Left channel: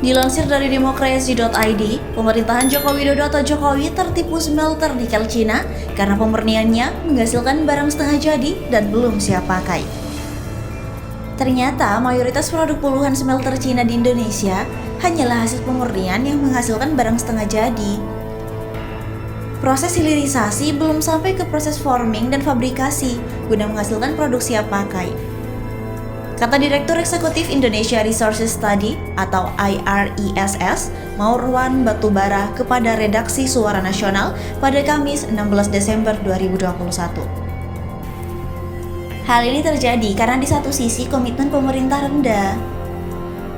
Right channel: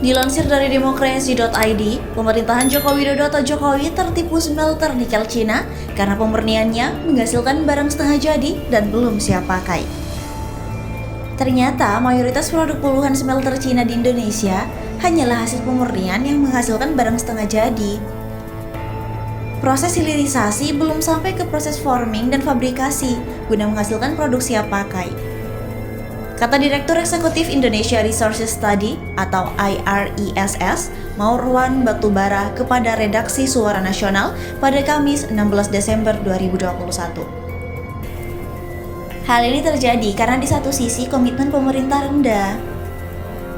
Dilansir dari demokrasi.id, pemerintahan Joko Widodo atau Jokowi tertipu smelter nikel Cina karena pemurniannya menghasilkan barang setengah jadi dan belum siap pakai. Ternyata mayoritas produk puluhan smelter Cina di Indonesia hanyalah hasil pemurnian yang menghasilkan barang setengah jadi. Proses hilirisasi belum sampai ke proses forming dan fabrikasi guna menghasilkan produk siap pakai. Kata Direktur Eksekutif Indonesia Resources Study atau IRESS, Maurwan Batubara kepada redaksi Suara Nasional pada Kamis 16 Desember 2021. Hal ini terjadi karena di satu sisi komitmen pemerintah rendah,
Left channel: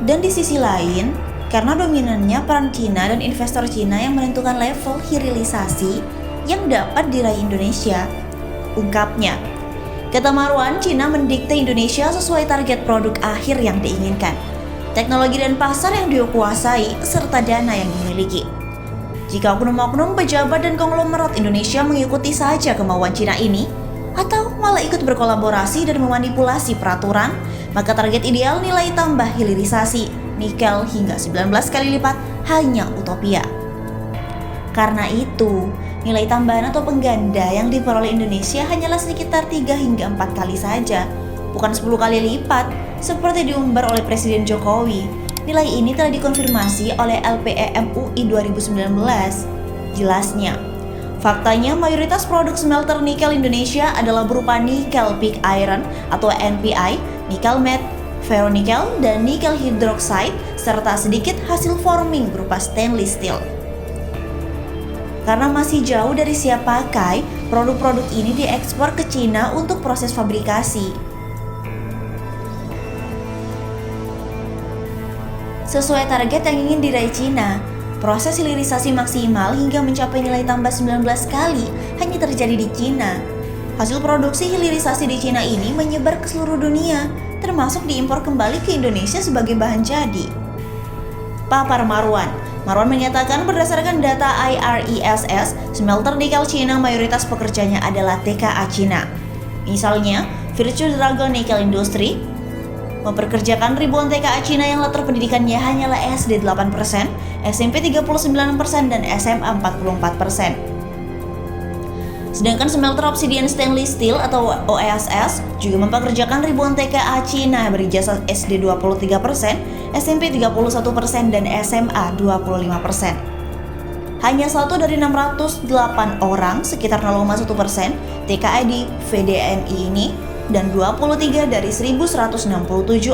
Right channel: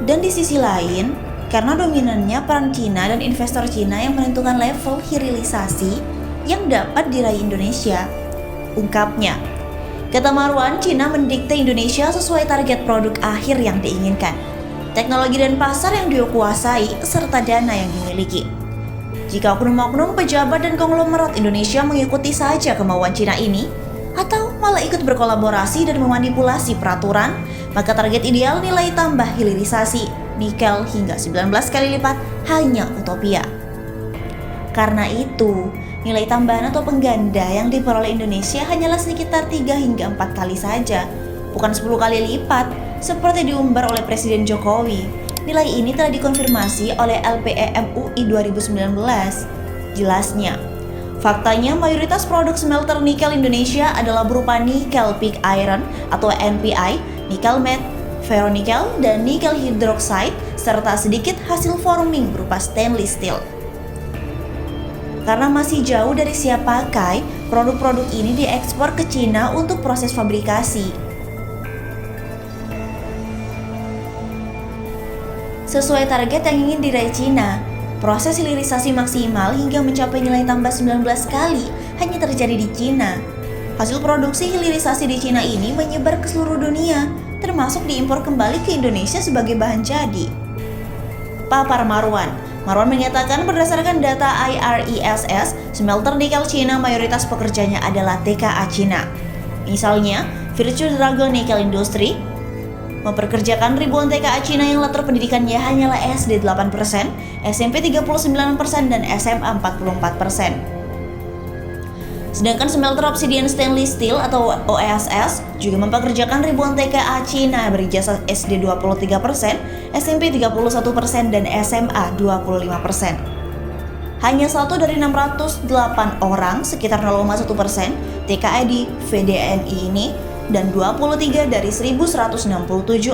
dan di sisi lain karena dominannya peran Cina dan investor Cina yang menentukan level hilirisasi yang dapat diraih Indonesia. Ungkapnya, kata Marwan, Cina mendikte Indonesia sesuai target produk akhir yang diinginkan, teknologi dan pasar yang dia kuasai, serta dana yang dimiliki. Jika oknum-oknum pejabat dan konglomerat Indonesia mengikuti saja kemauan Cina ini, atau malah ikut berkolaborasi dan memanipulasi peraturan, maka target ideal nilai tambah hilirisasi nikel hingga 19 kali lipat hanya utopia. Karena itu, nilai tambahan atau pengganda yang diperoleh Indonesia hanyalah sekitar 3 hingga 4 kali saja, bukan 10 kali lipat seperti diumbar oleh Presiden Jokowi. Nilai ini telah dikonfirmasi oleh LPE MUI 2019. Jelasnya, faktanya mayoritas produk smelter nikel Indonesia adalah berupa nikel pig iron atau NPI, nikel matte, ferronikel, dan nikel hydroxide, serta sedikit hasil forming berupa stainless steel. Karena masih jauh dari siap pakai, produk-produk ini diekspor ke Cina untuk proses fabrikasi. Sesuai target yang ingin diraih Cina, proses hilirisasi maksimal hingga mencapai nilai tambah 19 kali hanya terjadi di Cina. Hasil produksi hilirisasi di Cina ini menyebar ke seluruh dunia, termasuk diimpor kembali ke Indonesia sebagai bahan jadi. Papar Marwan menyatakan berdasarkan data IRESS, smelter nikel Cina mayoritas pekerjanya adalah TKA Cina. Misalnya, Virtue Dragon Nickel Industry memperkerjakan ribuan TKA Cina yang latar pendidikannya hanyalah SD 8%, SMP 39%, dan SMA 44%. Sedangkan smelter Obsidian Stainless Steel atau OSS juga mempekerjakan ribuan TKA Cina berijazah SD 23%, SMP 31%, dan SMA 25%. Hanya 1 dari 608 orang, sekitar 0,1% TKA di VDNI ini, dan 23 dari 1167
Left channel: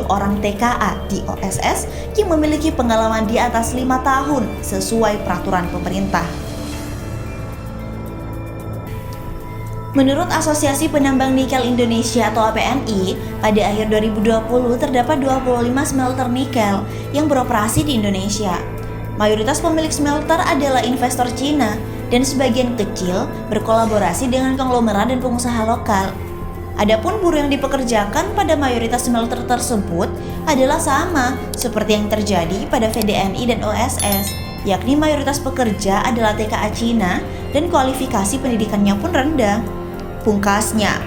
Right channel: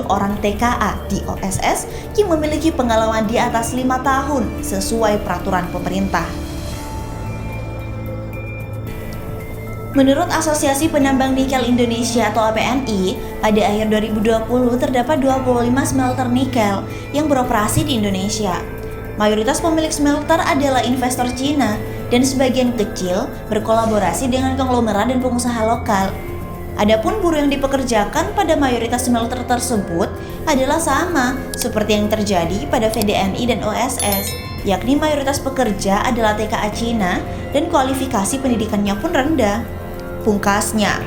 orang TKA di OSS yang memiliki pengalaman di atas 5 tahun sesuai peraturan pemerintah. Menurut Asosiasi Penambang Nikel Indonesia atau APNI, pada akhir 2020 terdapat 25 smelter nikel yang beroperasi di Indonesia. Mayoritas pemilik smelter adalah investor Cina dan sebagian kecil berkolaborasi dengan konglomerat dan pengusaha lokal. Adapun buruh yang dipekerjakan pada mayoritas smelter tersebut adalah sama seperti yang terjadi pada VDNI dan OSS, yakni mayoritas pekerja adalah TKA Cina dan kualifikasi pendidikannya pun rendah. Pungkasnya,